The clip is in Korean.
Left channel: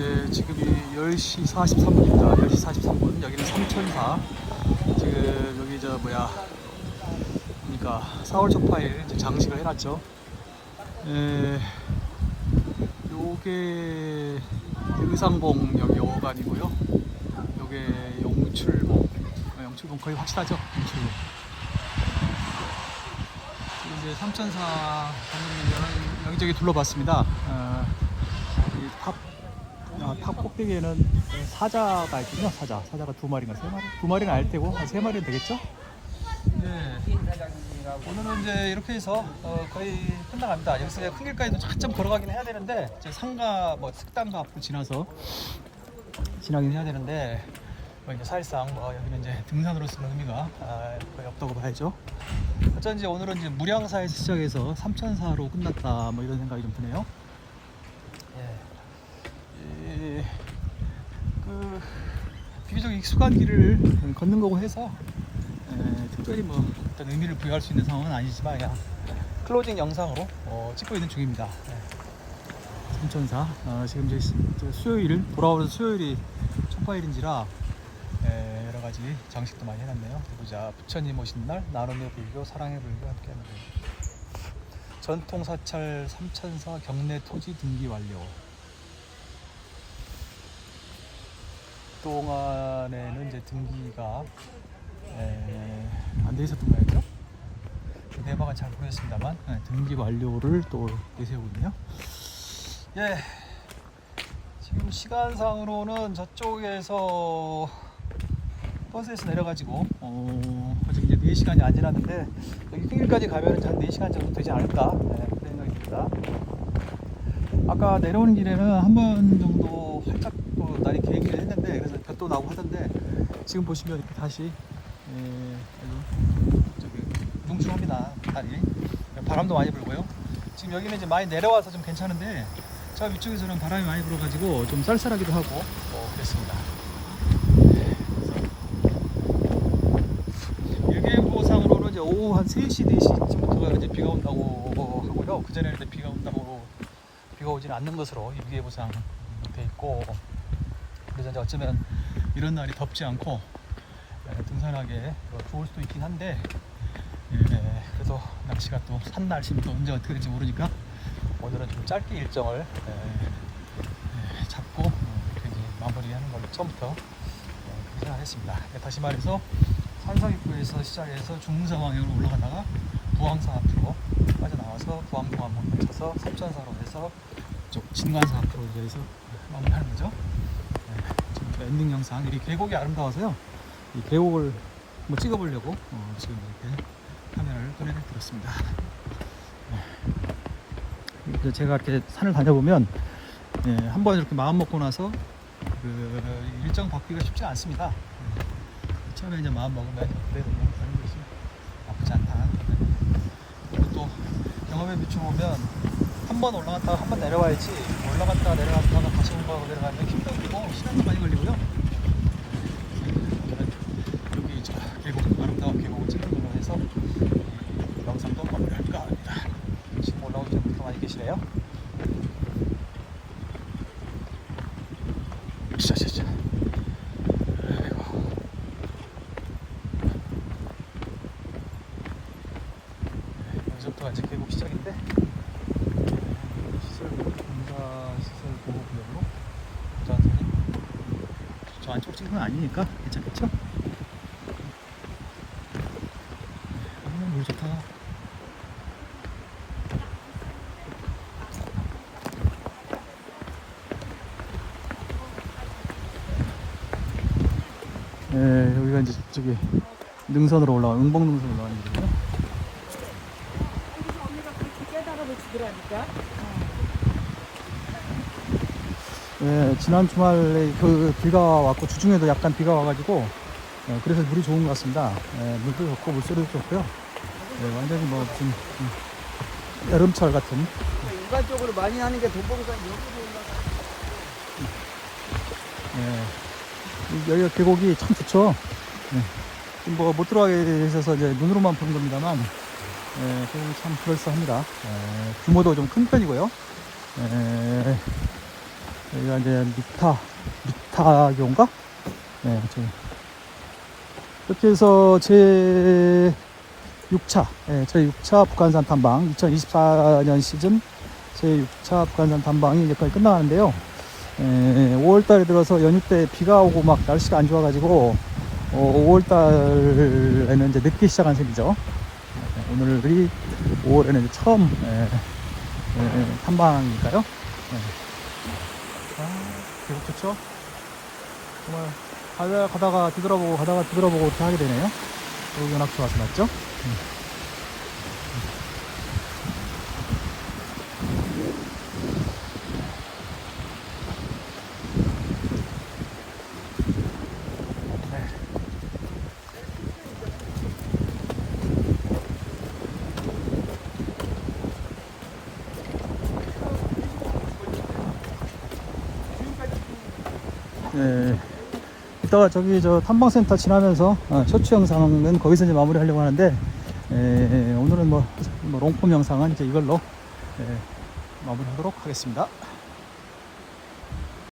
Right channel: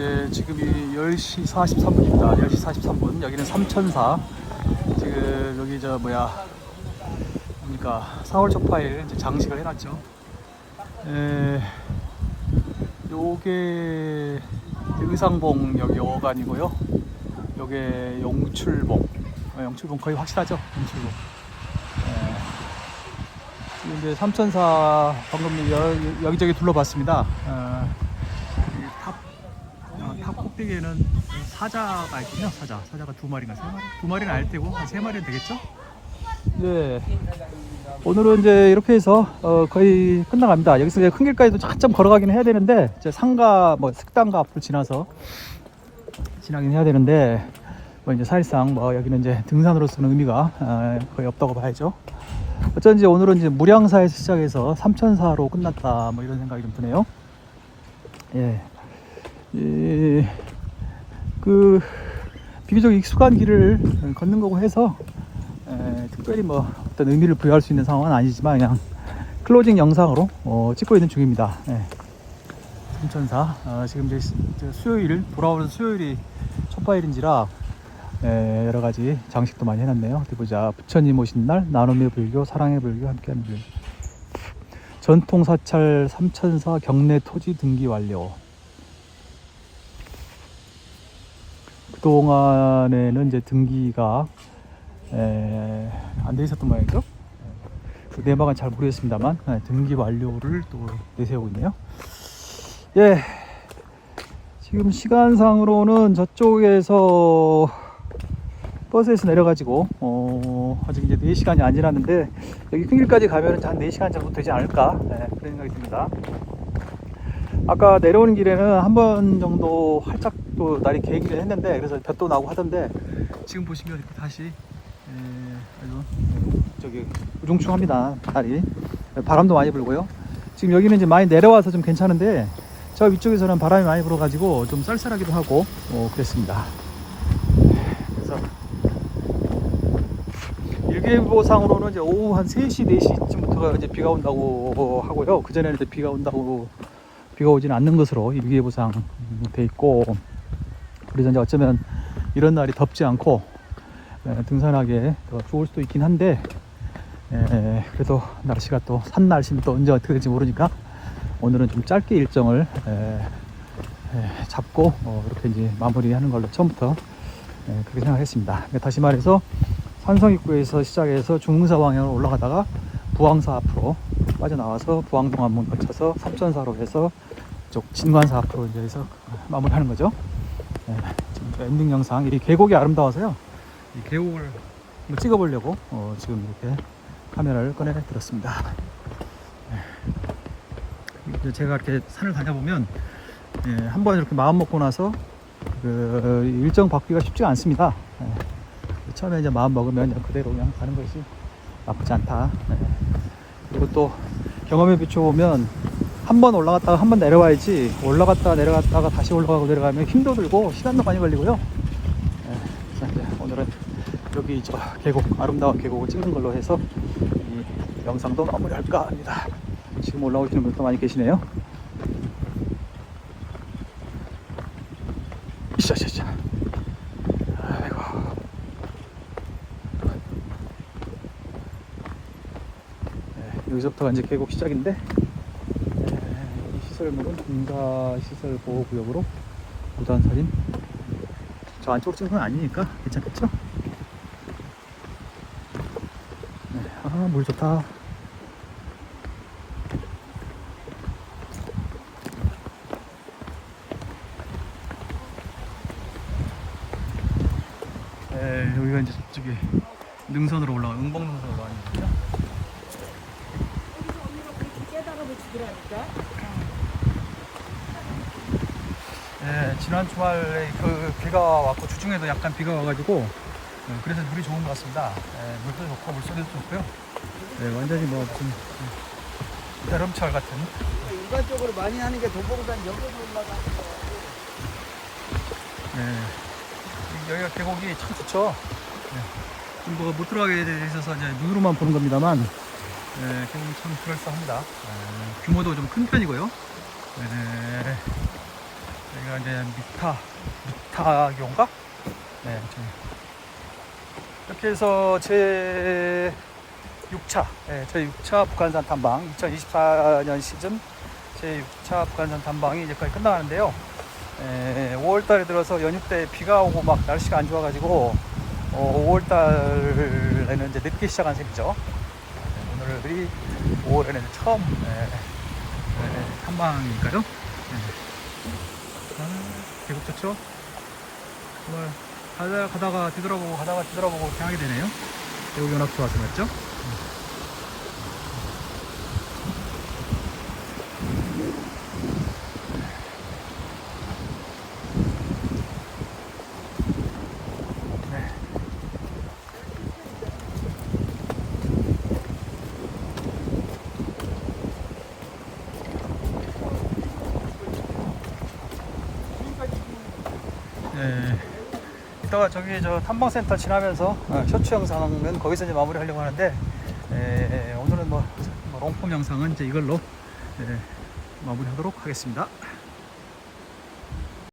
네, 지금이 10시 43분입니다. 10시 43분. 여기는 삼천사. 지금 여기 저 뭐야. 그러니까 4월 초파일 이제 장식을 해놨죠. 에, 요게 의상봉 여기 어간이고요. 요게 용출봉. 어, 용출봉 거의 확실하죠? 에, 지금 이제 삼천사 방금 여, 여기저기 둘러봤습니다. 어, 이 탑, 어, 탑 꼭대기에는 사자가 있군요. 사자. 사자가 두 마리인가 세 마리? 두 마리는 알 테고 한 세 마리는 되겠죠? 네. 오늘은 이제 이렇게 해서 어, 거의 끝나갑니다. 여기서 이제 큰 길까지도 한참 걸어가긴 해야 되는데 이제 상가 뭐 식당가 앞을 지나서 지나긴 해야 되는데 뭐 이제 사실상 뭐 여기는 이제 등산으로서는 의미가 어, 거의 없다고 봐야죠. 어쩐지 오늘은 이제 무량사에서 시작해서 삼천사로 끝났다 뭐 이런 생각이 좀 드네요. 예. 이, 그 비교적 익숙한 길을 걷는 거고 해서 에, 특별히 뭐 어떤 의미를 부여할 수 있는 상황은 아니지만 그냥 클로징 영상으로 어, 찍고 있는 중입니다. 예. 삼천사 어, 지금 이제 수요일 돌아오는 수요일이 첫파일인지라 에, 여러 가지 장식도 많이 해놨네요. 어디 보자 부처님 오신 날 나눔의 불교 사랑의 불교 함께하는 길 전통 사찰 삼천사 경내 토지 등기 완료. 그동안에는 이제 등기가 안 돼 있었던 모양이죠. 그 내막은 잘 모르겠습니다만 네, 등기 완료를 또 내세우고 있네요. 예, 지금 시간상으로는 저쪽에서 버스에서 내려가지고 어, 아직 이제 4시간이 안 지났는데 여기 큰 길까지 가면 한 4시간 정도 되지 않을까 네, 그런 생각이 듭니다. 아까 내려오는 길에는 한 번 정도 활짝 또 날이 개기를 했는데 그래서 볕도 나고 하던데 지금 보시면 이렇게 다시 에, 아주 저기 우중충합니다 날이. 바람도 많이 불고요. 지금 여기는 이제 많이 내려와서 좀 괜찮은데 저 위쪽에서는 바람이 많이 불어가지고 좀 쌀쌀하기도 하고 어, 그랬습니다. 일기예보상으로는 이제 오후 한 3시 4시쯤부터 이제 비가 온다고 하고요. 그 전에는 비가 온다고 비가 오지는 않는 것으로 일기예보상 돼 있고 그래서 이제 어쩌면 이런 날이 덥지 않고 에, 등산하기 어, 좋을 수도 있긴 한데 에, 그래도 날씨가 또 산 날씨는 또 언제 어떻게 될지 모르니까 오늘은 좀 짧게 일정을 에, 에, 잡고 어, 이렇게 이제 마무리하는 걸로 처음부터 에, 그렇게 생각했습니다. 네, 다시 말해서 산성 입구에서 시작해서 중흥사 방향으로 올라가다가 부항사 앞으로 빠져나와서 부항동안문 거쳐서 삼천사로 해서 쪽 진관사 앞으로 이제 해서 마무리하는 거죠. 네, 엔딩 영상 이 계곡이 아름다워서요. 이 계곡을 한번 찍어보려고 어, 지금 이렇게 카메라를 꺼내 들었습니다. 네. 제가 이렇게 산을 다녀보면 예, 한번 이렇게 마음 먹고 나서 그 일정 바뀌기가 쉽지가 않습니다. 예. 처음에 이제 마음 먹으면 그대로 그냥 가는 것이 나쁘지 않다. 예. 그리고 또 경험에 비춰보면 한 번 올라갔다가 한 번 내려와야지 올라갔다가 내려갔다가 다시 올라가고 내려가면 힘도 들고 시간도 많이 걸리고요. 예, 그래서 오늘은 여기 저 계곡 아름다운 계곡을 찍는 걸로 해서 영상도 마무리할까 합니다. 지금 올라오시는 분도 많이 계시네요. 아이고. 네, 여기서부터가 이제 계곡 시작인데 네, 시설물은 군사 시설 보호 구역으로 무단서림. 저 안쪽 건 아니니까 괜찮겠죠? 네, 아, 물 좋다. 네, 여기가 이제 저기 능선으로 올라가 응봉 능선으로 올라가는 깨달아 네, 지난 주말에 그 비가 왔고 주중에도 약간 비가 와가지고 네, 그래서 물이 좋은 것 같습니다. 네, 물도 좋고 물소리도 좋고요. 네, 완전히 뭐 무슨 음, 여름철 같은 일반적으로 많이 하는 게 여기보다 네, 이- 여기가 계곡이 참 좋죠. 네, 좀뭐 못 들어가게 있어서 이제 눈으로만 보는 겁니다만 네, 계곡이 참 그럴싸합니다. 네, 규모도 좀 큰 편이고요. 네, 여기가 이제 미타 미타교인가? 네, 저 이렇게 해서 제 6차, 네, 제 6차 북한산 탐방 2024년 시즌 제 6차 북한산 탐방이 이제 거의 끝나가는데요. 5월달에 들어서 연휴 때 비가 오고 막 날씨가 안 좋아가지고 5월달에는 이제 늦게 시작한 셈이죠. 오늘이 5월에는 처음 예, 예, 탐방이니까요. 예. 좋죠? 정말 가다, 가다가 뒤돌아보고 가다가 뒤돌아보고 이렇게 하게 되네요. 여기 좋아서 맞죠? 예. 이따가 저기 저 탐방센터 지나면서 어, 쇼츠 영상은 거기서 이제 마무리하려고 하는데 예, 오늘은 뭐 롱폼 영상은 이제 이걸로 예, 마무리하도록 하겠습니다.